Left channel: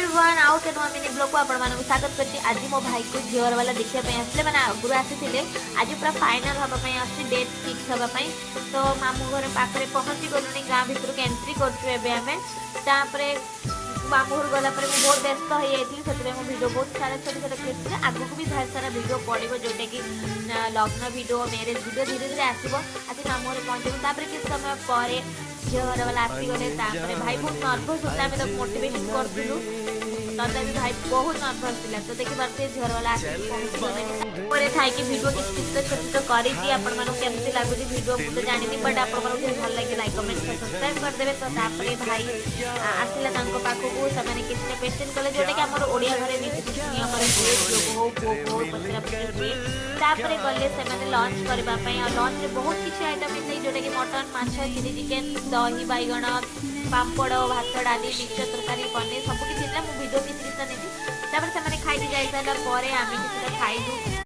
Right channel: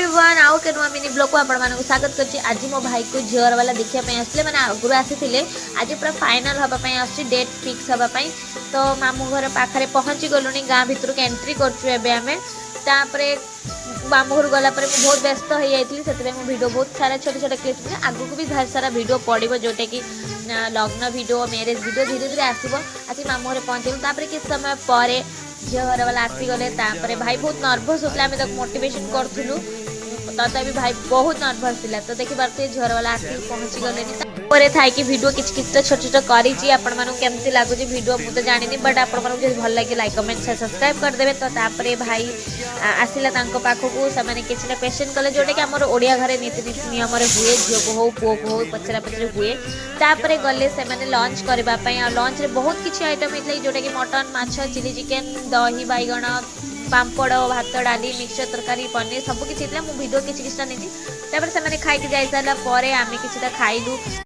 Everyone आउ के नुआ मिनी ब्लॉग को आपण मानक स्वागत करछि। आज मो भाई को झियर वाला देखिया पय आसले माने आगुरु आसीथिले। आज पूरा फाइनल हबा पय आछि, डेट फिक्स हबा पय। तो मामू घर पाखरे पहुंची गलुनी, गां भितर के एंट्री करछु एबे हमें। तापरे मामू घर गला पर बहुत व्यस्त हो जाइए, से वीडियो बहुत सारा छोटे छोटे क्लिप थे। आगू को भी बहुत सारा वीडियो पड़ो जोटा कि लग्न वीडियो, मैरेज वीडियो धीरे धीरे आसो। आसी मामू घर पहुँचे किस समय पर झील घर वाला आसीगले। भाई बहुत नर्भस होता, आम तक मोटिवेशन करूँ तथापि भाई बहुत नर्भस था। तो देखी पारे झील वाला पहुँची गले थाई वीडियो किसी तो छोट छोट करी केमती लगुच वीडियो मुझे जानी, बट आप भल लगे लाइक कमेंट शेयर सब्सक्राइब करदे। तो भाई आसला पाखक से किसी पेसेंट कले जोटा कि आम ओडिया घर नीति नियम हुए, झील को हो पुओ को हो पचरा पचर हुए। तापर गले से लंच करने, लंच में बहुत किसी आइटम होता है जोटा कि मटन, माछ, चिली चिकेन, दही बैगण, पापड़, भात, डाली, मिक्सचर तरकारी, पनीर सब किसी भिडियो किसी नहीं। खाई जाई सारा आम किसी खाइलु।